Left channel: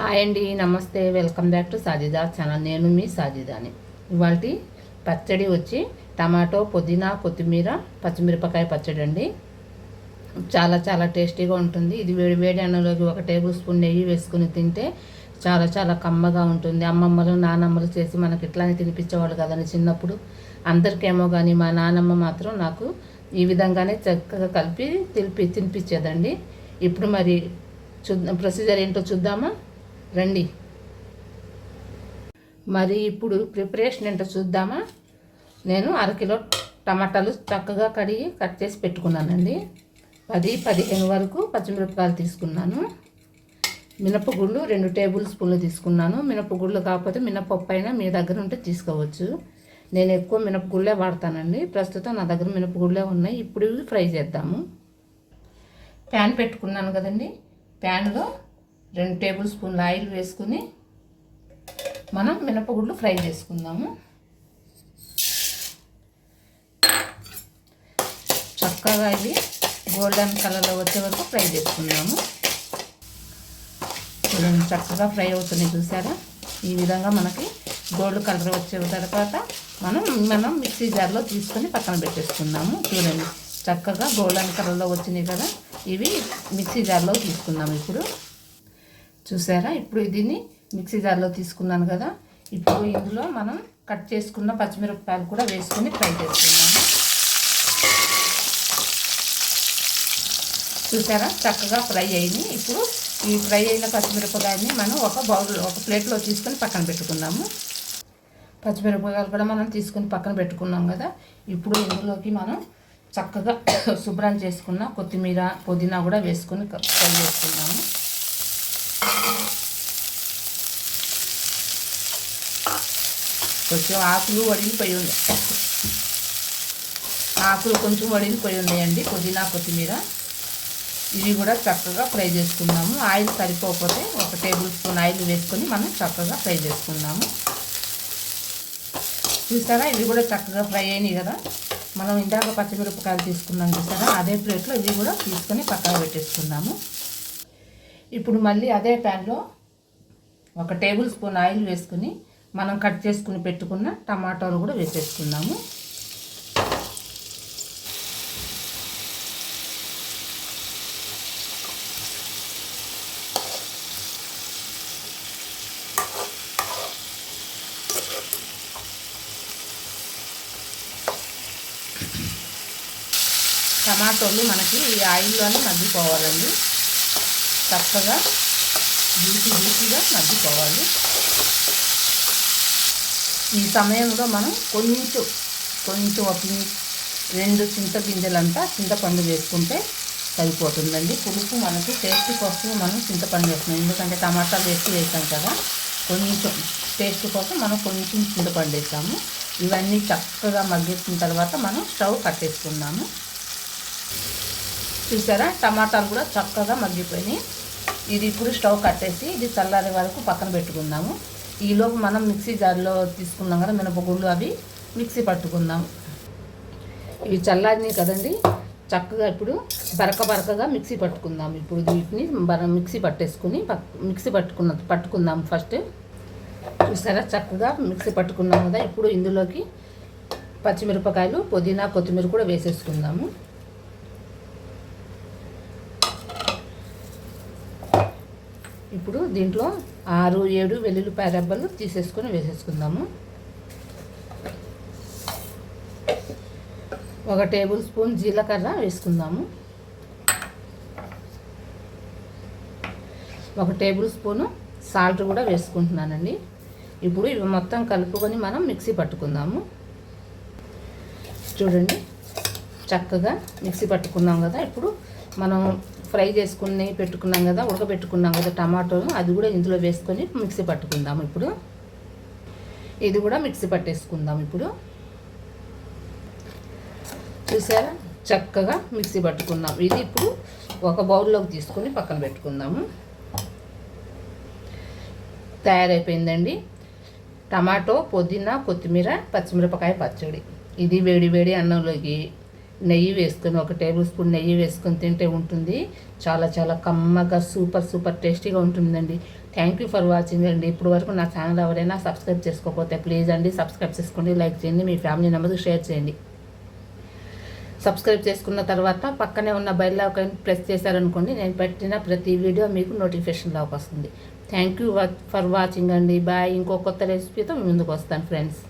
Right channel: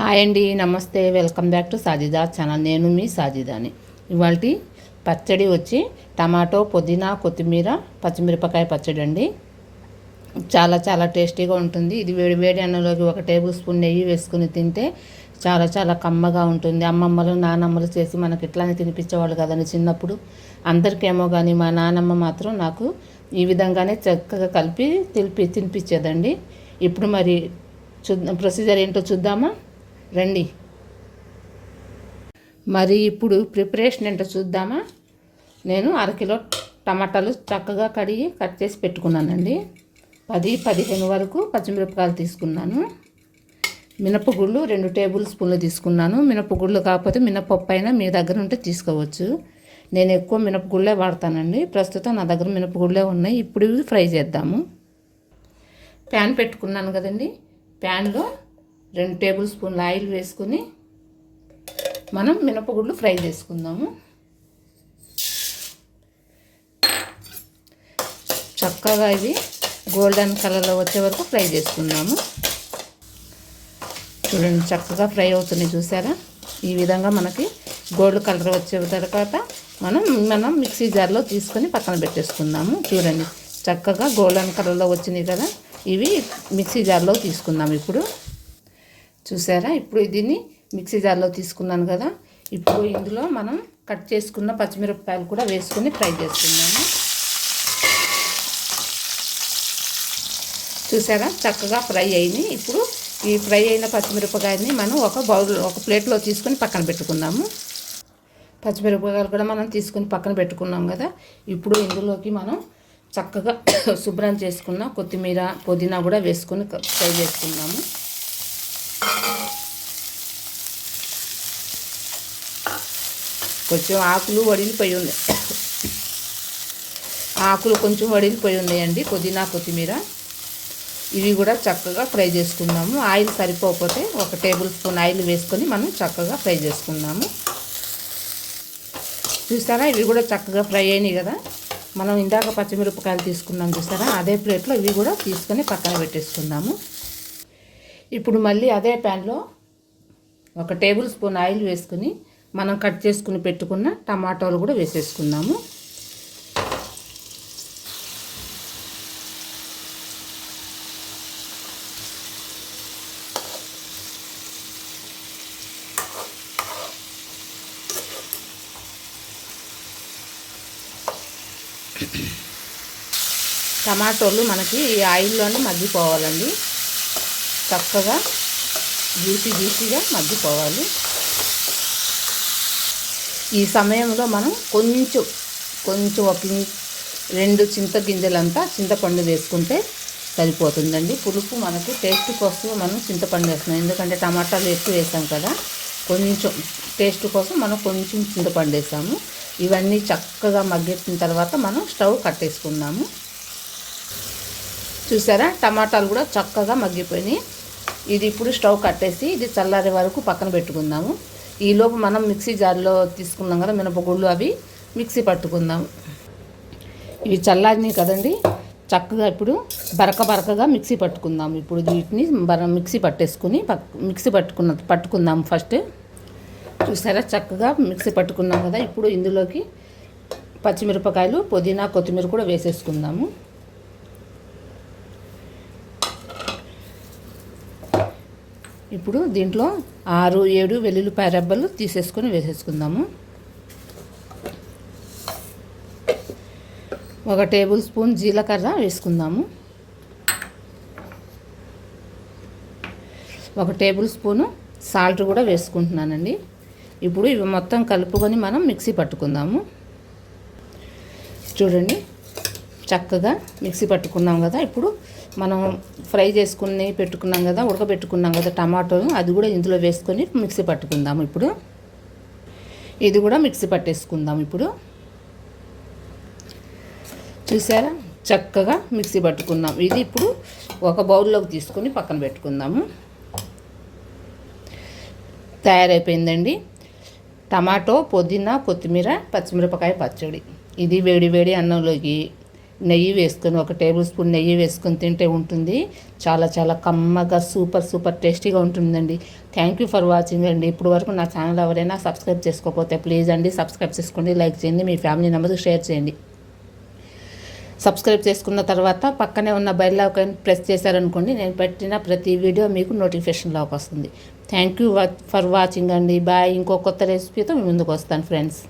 Hi అండి, నమస్తే. Welcome back to Sajida channel. నేను మీ సాజిదాని. ఇవాళ పచ్చడి వచ్చి టమాటో, పుదీనా, కొత్తిమీర, పచ్చిమిరపకాయ పచ్చడి అండి. చాలా చాలా టేస్టీగా ఉంటుంది. ఇది వేడి వేడి అన్నంలోకి 1 టేబుల్ స్పూన్ నెయ్యి వేసుకుని తింటే చాలా చాలా కమ్మగా ఉంటుంది. అమ్మమ్మలు నానమ్మలు చేసి మనకి ఇట్లానే తినిపించేవాళ్ళు కదండి చిన్నప్పుడు. అందరికేమో కానీ మా నానమ్మ మాత్రం నాకు ఈ విధంగానే చక్కగా కలిపి తినిపించేదండి. ఇప్పుడు మరి ప్రొసీజర్ ఏంటో చూద్దామా రండి. మరి ఇప్పుడు ప్రిపరేషన్ ఏంటో చూద్దామా. నేను 1 కిలో టమాటాలు చక్కగా కడిగి కట్ చేసి పెట్టుకున్నానండి. 10-15 వరకు పచ్చిమిరపకాయలు తీసుకున్నాను. మినపగుళ్ళు 2 టేబుల్ స్పూన్లు తీసుకున్నాను. మినపగుళ్ళు కాకపోతే మినపప్పు అయినా మీ దగ్గర ఉంటే తీసుకోవచ్చు. నేను ఎక్కువ మినపగుళ్ళే వాడతానండి. ప్రస్తుతం నా దగ్గర మినపగుళ్ళే ఉన్నాయి. ఇప్పుడు ఇవి ఫ్రై చేద్దాము. ప్యాన్ పెట్టుకున్నాను కదండి. ప్యాన్లో 2 టేబుల్ స్పూన్ల ఆయిల్ వేసుకుని మనం మినపగుళ్ళు ఫ్రై చేసుకుందాము. చక్కగా ఇవి గోల్డెన్ కలర్లో వచ్చే వరకు ఫ్రై చేసుకుందాము. చూడండి, చక్కగా ఫ్రై అవుతున్నాయి చూసారా. ఈ విధంగా మనకి గోల్డ్ కలర్ వచ్చే తర్వాత మనం మిక్సీ జార్లో తీసుకొని పక్కన పెట్టేసుకుందాము. చూడండి, చక్కగా గోల్డెన్ కలర్లో వచ్చినాయి కదా. ఇవి మిక్సీ జార్లో తీసుకుందాము. ఇప్పుడు చూసారా, ఇప్పుడు దీన్ని మిక్సీ జార్లో తీసుకున్నాను కదా. ఇప్పుడు ఇందులో మనం కట్ చేసుకున్న పచ్చిమిరపకాయలు కూడా వేసుకొని ఫ్రై చేసుకున్నాము. చూసారా, చక్కగా ఫ్రై అయింది. ఇప్పుడు ఈ ఫ్రై అయిన పచ్చిమిరపకాయని మనం ఒక ప్లేట్లో తీసుకొని పక్కన పెట్టుకున్నాము. పచ్చిమిరపకాయలు కూడా మనం తీసుకొని పక్కన పెట్టుకున్నాం కదా. ఇప్పుడు ఇందులోకి మనం చక్కగా శుభ్రం చేసుకున్న కొత్తిమీర, పుదీనా కూడా వేసుకొని ఫ్రై చేసుకున్నాము. కొంచెం ఆకులు వడిలిపోయి ఉన్నాయి. ఆకులు కొంచెం వడిలిపోయి ఉన్నాయండి. పుదీనా, కొత్తిమీర ఇవి కూడా చక్కగా ఫ్రై చేసుకున్నాము. ఆయిల్ సరిపోకపోతే 1 టేబుల్ స్పూన్ ఆయిల్ వేసుకొని మనం చక్కగా ఫ్రై చేసుకున్నాము. చూసారా, ఇవి కూడా చక్కగా ఫ్రై అయినాయి కదా. మనం ఇందాక పచ్చిమిరపకాయలు తీసుకున్నాం చూసారా, అదే ప్లేట్లో ఇవి కూడా తీసుకొని పక్కన పెట్టేసుకుందాము. ఇప్పుడు మళ్ళీ అదే ప్యాన్లో 1 టేబుల్ స్పూన్ ఆయిల్ వేసుకుని మనం కట్ చేసుకుని పెట్టుకున్న టమాటాలు కూడా వేసేసుకున్నాము. టమాటోలు మనకి ఈ ఆయిల్లోనే మగ్గిపోవాలండి. చక్కగా జ్యూసీగా మగ్గిపోవాలి. ఈ సమయంలో మనం కొంచెం ఒక 2 చింతగింజలంతా చింతపండు వేసుకుంటే సరిపోతుందండి. పులుపు మనకి టేస్ట్ కోసం మనం చింతపండు వేస్తున్నాం. ఎందుకంటే టమాటాలు ఎక్కువ వేసాం కదా. కొంచెం టేస్ట్ కోసం మనం కొంచెం చింతపండు వేసాము. ఇవన్నీ చక్కగా మగ్గిన తర్వాత మనం స్టవ్ కట్టేసుకున్నాము. చూసారా, టమాటాలు కూడా చక్కగా మగ్గిపోయినాయి. ఇది ఇప్పుడు స్టవ్ కట్టేసి ఇది చల్లారే వరకు పక్కన పెట్టుకుందాము. ఈలోపు మనం మిక్సీ జార్లో తీసుకున్నాం కదా మినపగుళ్ళు, అవి మిక్సీ పట్టుకుందాము. ఇవి చల్లారినాయి కదండి. చక్కగా ఇప్పుడు బరకగా మిక్సీ పట్టుకుందాము. ఇప్పుడు వీటిని మిక్సీ పట్టుకుందాము ఫస్ట్. చూసారా, చక్కగా మిక్సీ పట్టుకున్నాం కదా. ఇప్పుడు ఇందులోకి పచ్చిమిరపకాయలు, పుదీనా, కొత్తిమీర కూడా వేసేసుకుందాము. ఇప్పుడు దీంట్లో 6-7 వెల్లుల్లిపాయ రెబ్బలు తీసేసుకొని వేసేసుకుందాము. 1 టేబుల్ స్పూన్ జీలకర్ర వేసుకుందాము. 1 టేబుల్ స్పూను సాల్ట్ కూడా వేసుకుంటున్నానండి. ఇప్పుడు ఇవి మొత్తం కలుపుకొని మనం మిక్సీ పట్టుకుందాము. చూడండి, చక్కగా మిక్సీ పట్టుకున్నాం కదా. ఇప్పుడు మనం ఫ్రై చేసుకుని పెట్టుకున్నాం కదా, ఉడకబెట్టుకున్నాం కదా టమాటోలు, అది కూడా ఇందులో వేసుకొని మిక్సీ పట్టుకుందాము. ఇప్పుడు ఇది కూడా మిక్సీ పట్టేసుకుందాం. ఇప్పుడు చూసారా, చక్కగా మిక్సీ పట్టుకున్నాం. ఇది ఇప్పుడు ఒక బౌల్లోకి తీసుకొని పక్కన పెట్టుకుందాము. తయారైపోయిందండి టమాటో, పుదీనా, కొత్తిమీర, పచ్చిమిరపకాయ పచ్చడి. ఇది వేడి వేడి అన్నంలోకి నెయ్యి వేసుకొని, ఒక టేబుల్ స్పూన్ నెయ్యి వేసుకొని తింటే ఉంటుంది. చాలా చాలా కమ్మగా సూపర్ టేస్టీగా ఉంటుందండి. థ్యాంక్ యూ ఫర్ వాచింగ్ అండి. ఇప్పుడు వరకు నా ఛానల్ ఎవరైనా సబ్స్క్రైబ్ చేసుకోకపోతే ప్లీజ్ అండి సబ్స్క్రైబ్ చేసుకోండి, లైక్ చేయండి, మీ ఫ్యామిలీ మెంబర్స్కి షేర్ చేయండి. సబ్స్క్రైబ్ చేసుకున్న తర్వాత పక్కనే ఉన్న బెల్ ఐకాన్ ప్రెస్ చేశారనుకోండి, నేను పెట్టిన ప్రతి వీడియో మీకు నోటిఫికేషన్లోకి వస్తుంది. థ్యాంక్ యూ ఫర్ వాచింగ్ అండి. బాయ్. ఇంకో కొత్త రెసిపీతో ముందుకు వస్తాను ఫ్రెండ్స్.